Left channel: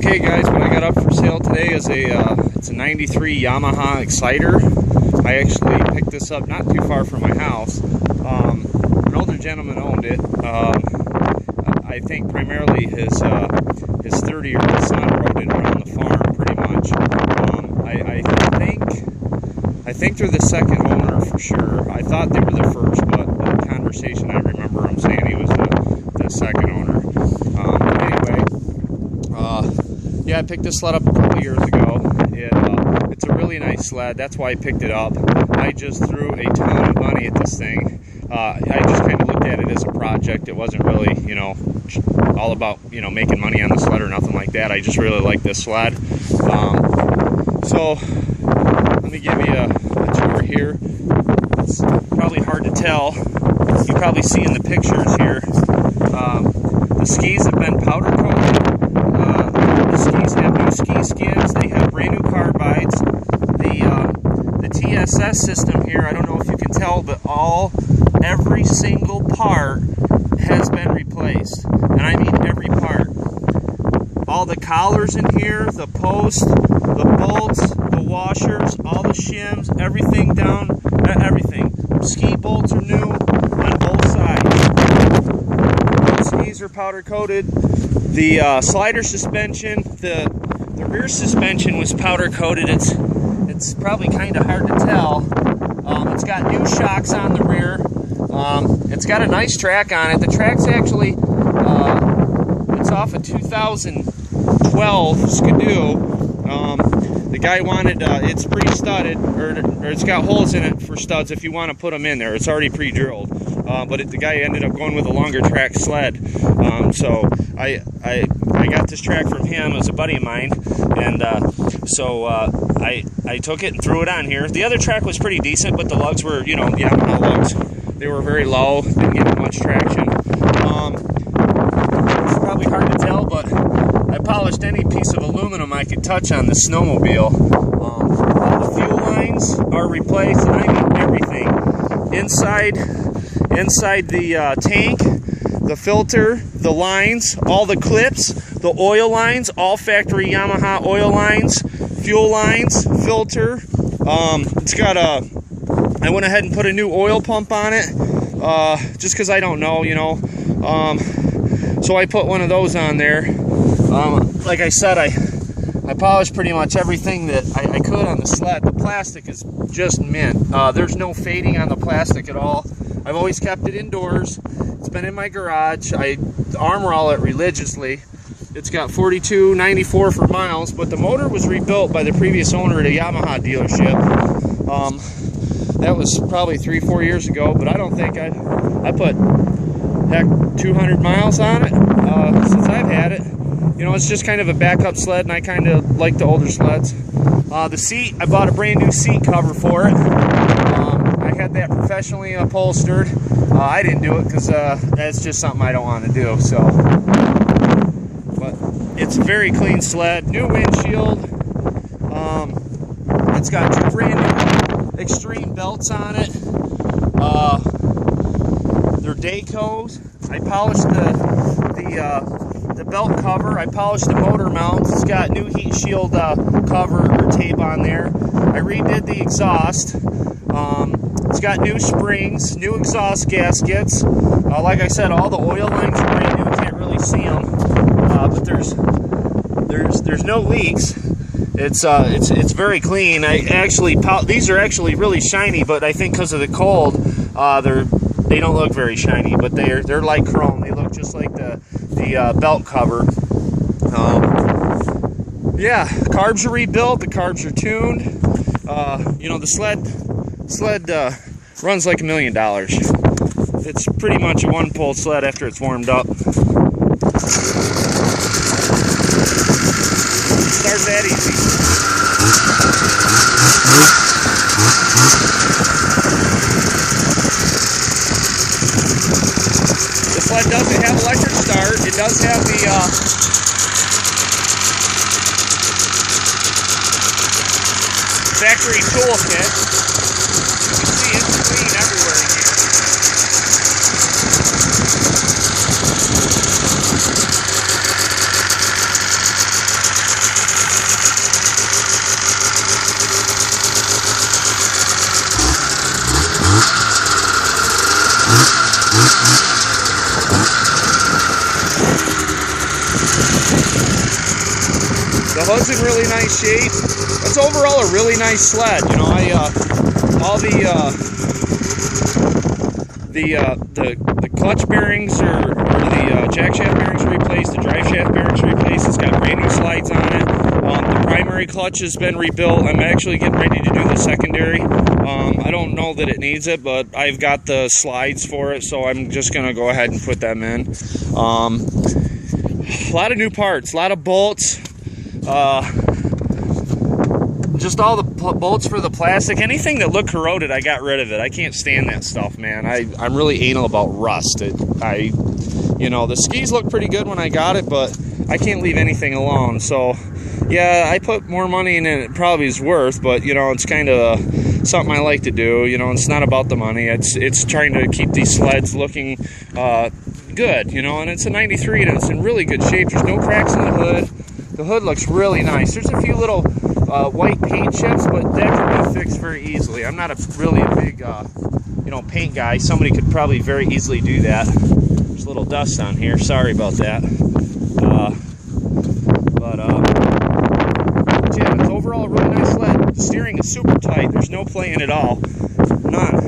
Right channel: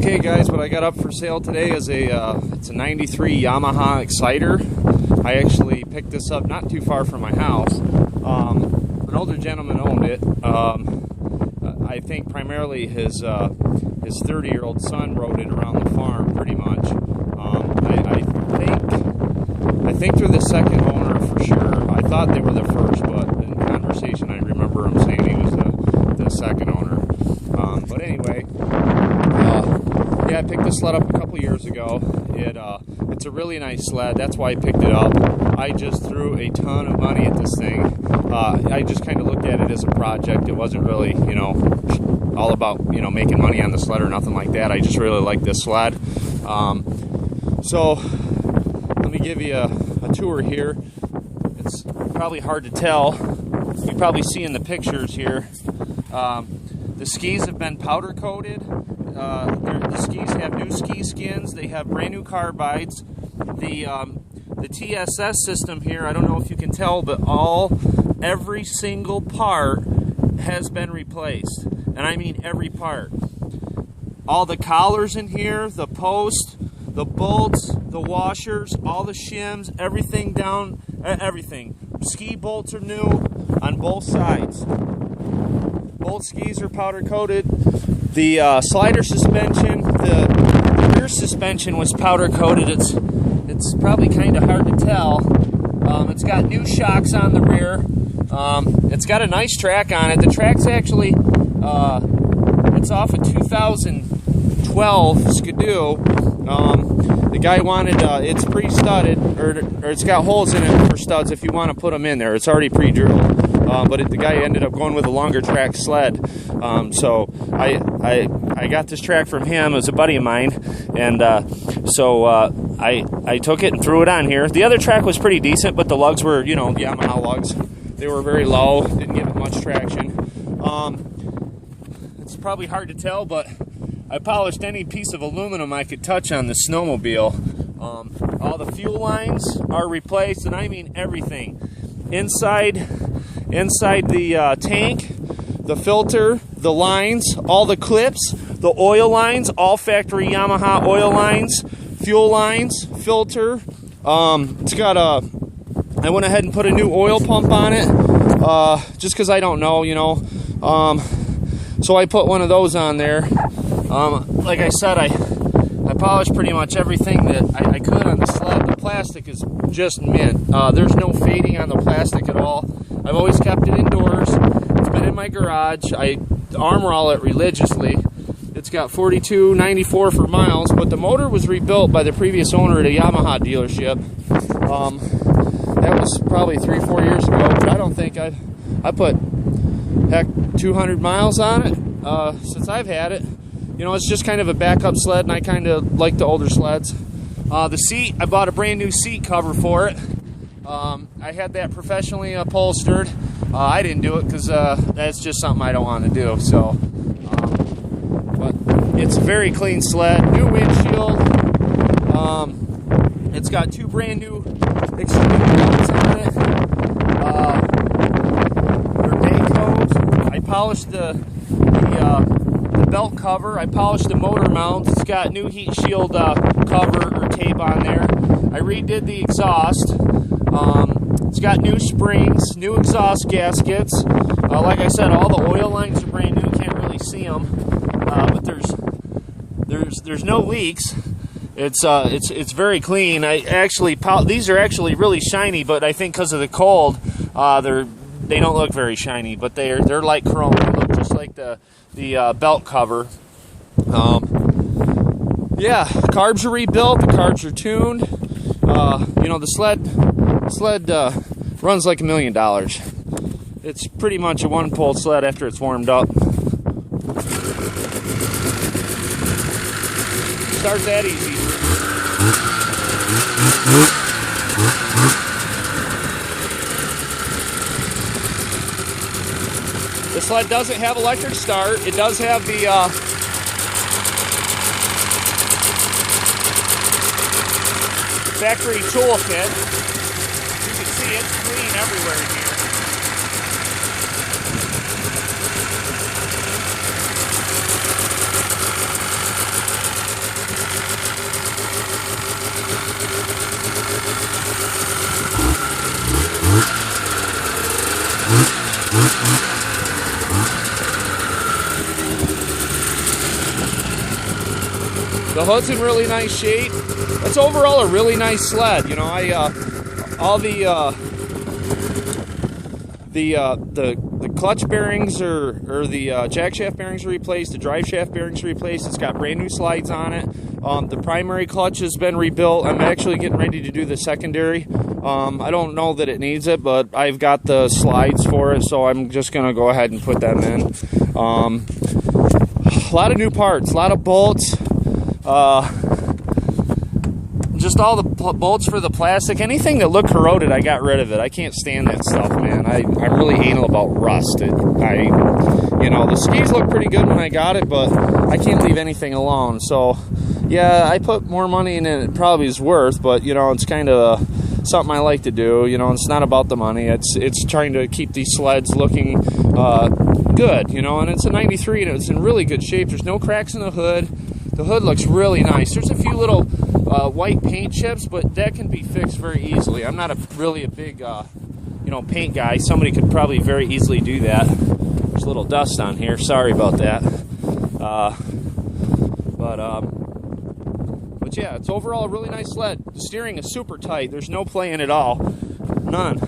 Okay guys, what I got up for sale today is it's a 93 Yamaha Exciter. I actually picked this up not too far from my house. An older gentleman owned it. I think primarily his 30-year-old son rode it around the farm pretty much. I think they're the second owner for sure. I thought they were the first, but the conversation I remember him saying he was the second owner. Anyway, yeah, I picked this sled up a couple years ago. It's a really nice sled. That's why I picked it up. I just threw a ton of money at this thing. I just kind of looked at it as a project. It wasn't really, all about, making money on the sled or nothing like that. I just really like this sled. So let me give you a tour here. It's probably hard to tell. You probably see in the pictures here. The skis have been powder coated. The skis have new ski skins. They have brand new carbides. The TSS system here, I don't know if you can tell, but every single part has been replaced. And I mean every part. All the collars in here, the posts, the bolts, the washers, all the shims, everything down, everything. Ski bolts are new on both sides. Both skis are powder coated. The slider suspension, the rear suspension was powder coated. It's probably kind of hard to tell. It's got new shocks on the rear. It's got a nice track on it. The track's actually it's off a 2012 Skidoo. The guy wanted it's pre-studded, or it's got holes in it for studs if you want to put them in there. It's already pre-drilled. But the guy ended up going with a longer track sled. So I got this track from him as a buddy of mine, and so I took it and threw it on here. The other track was pretty decent, but the lugs were, Yamaha lugs. They were very low, didn't get much traction. It's probably hard to tell, but I polished any piece of aluminum I could touch on the snowmobile. All the fuel lines are replaced, and I mean everything. Inside the tank, the filter, the lines, all the clips, the oil lines, all factory Yamaha oil lines, fuel lines, filter. It's got I went ahead and put a new oil pump on it, just because I don't know, so I put one of those on there. Like I said, I polished pretty much everything that I could on the sled. The plastic is just mint. There's no fading on the plastic at all. I've always kept it indoors. It's been in my garage. I arm roll it religiously. It's got 4294 for miles, but the motor was rebuilt by the previous owner at a Yamaha dealership. That was probably 3-4 years ago, but I don't think I put, heck, 200 miles on it since I've had it. It's just kind of a backup sled, and I kind of like the older sleds. The seat, I bought a brand new seat cover for it. I had that professionally upholstered. I didn't do it because that's just something I don't want to do. So, but it's a very clean sled. New windshield. It's got 2 brand new extreme belts on it. They're Daycos. I polished the belt cover. I polished the motor mount. It's got new heat shield cover or tape on there. I redid the exhaust. It's got new springs, new exhaust gaskets. Like I said, all the oil lines are brand new. You can't really see them, but there's no leaks. It's very clean. These are actually really shiny, but I think because of the cold, they don't look very shiny. But they're like chrome. They look just like the belt cover. Yeah, carbs are rebuilt. The carbs are tuned. The sled runs like $1 million. It's pretty much a one-pole sled after it's warmed up. Start that easy. The sled doesn't have electric start. It does have the factory toolkit. You can see it's clean everywhere in here. The hood's in really nice shape. It's overall a really nice sled. You know, all the clutch bearings or the jack shaft bearings are replaced. The drive shaft bearings are replaced. It's got brand new slides on it. The primary clutch has been rebuilt. I'm actually getting ready to do the secondary. I don't know that it needs it, but I've got the slides for it, so I'm just gonna go ahead and put them in. A lot of new parts, a lot of bolts. Just all the bolts for the plastic. Anything that looked corroded, I got rid of it. I can't stand that stuff, man. I'm really anal about rust. You know, the skis look pretty good when I got it, but I can't leave anything alone. So, yeah, I put more money in it probably is worth, but, you know, it's kind of something I like to do. You know, it's not about the money. It's trying to keep these sleds looking good, you know, and it's a 93 and it's in really good shape. There's no cracks in the hood. The hood looks really nice. There's a few little white paint chips, but that can be fixed very easily. I'm not really a big, you know, paint guy. Somebody could probably very easily do that. There's a little dust on here. Sorry about that. But yeah, it's overall a really nice sled. The steering is super tight. There's no playing at all. None.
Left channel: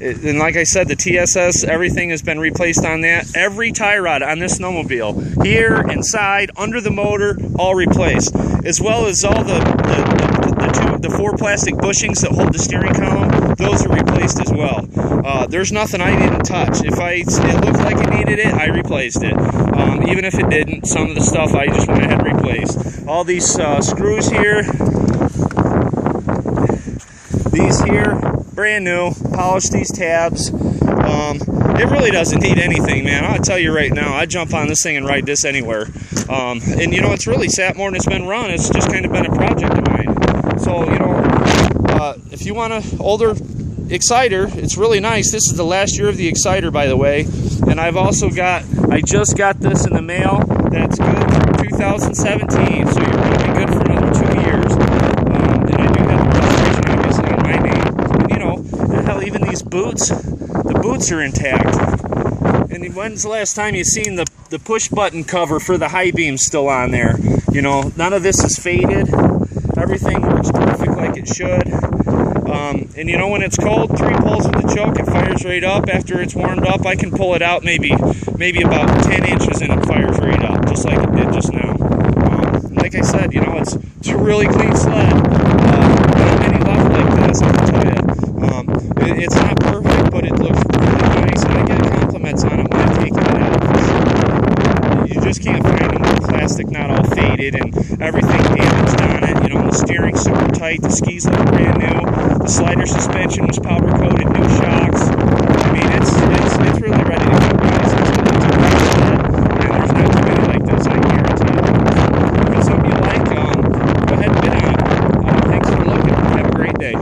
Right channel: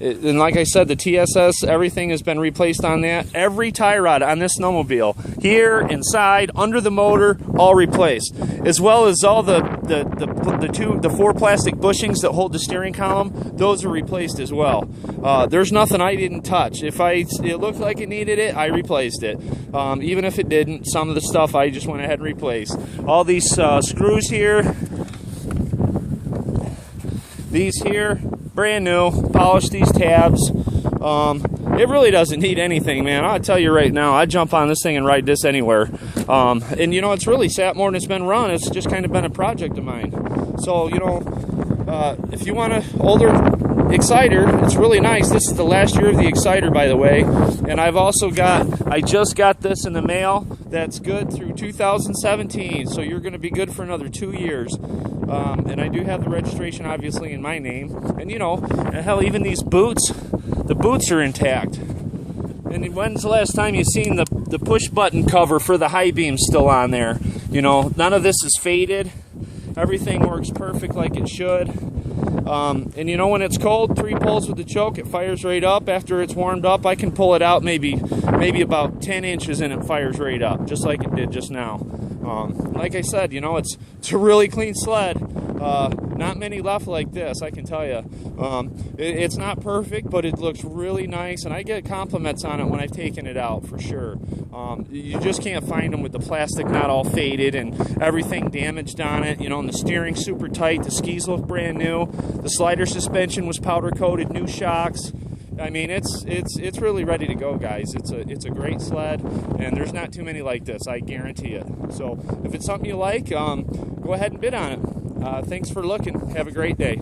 And like I said, the TSS, everything has been replaced on that. Every tie rod on this snowmobile, here, inside, under the motor, all replaced. As well as all the 4 plastic bushings that hold the steering column, those are replaced as well. There's nothing I didn't touch. If it looked like it needed it, I replaced it. Even if it didn't, some of the stuff I just went ahead and replaced. All these screws here, these here, brand new. Polished these tabs. It really doesn't need anything, man. I'll tell you right now, I'd jump on this thing and ride this anywhere. And you know, it's really sat more than it's been run. It's just kind of been a project of mine. So, you know, if you want an older Exciter, it's really nice. This is the last year of the Exciter, by the way. And I just got this in the mail. That's good through 2017. So you're going to be good for another 2 years. And I do have the registration, obviously, in my name. And, you know, hell, even these boots, the boots are intact. And when's the last time you seen the push button cover for the high beam still on there? You know, none of this is faded. Everything works perfect like it should. And you know, when it's cold, 3 pulls with the choke, it fires right up. After it's warmed up, I can pull it out maybe about 10 inches and it fires right up, just like it did just now. Like I said, you know, it's a really clean sled. Not many left like this, I can tell you. It's not perfect, but it looks really nice, and I get compliments on it when I'm taking it out, for sure. You just can't find them with plastic not all faded and everything damaged on it. You know, and the steering's super tight, the skis look brand new, the slider suspension was powder coated, new shocks. I mean, it's really ready to go, guys. It's a nice sled, and there's not too many like this, I guarantee you. So if it's something you like, go ahead and bid on it. Thanks for looking. Have a great day.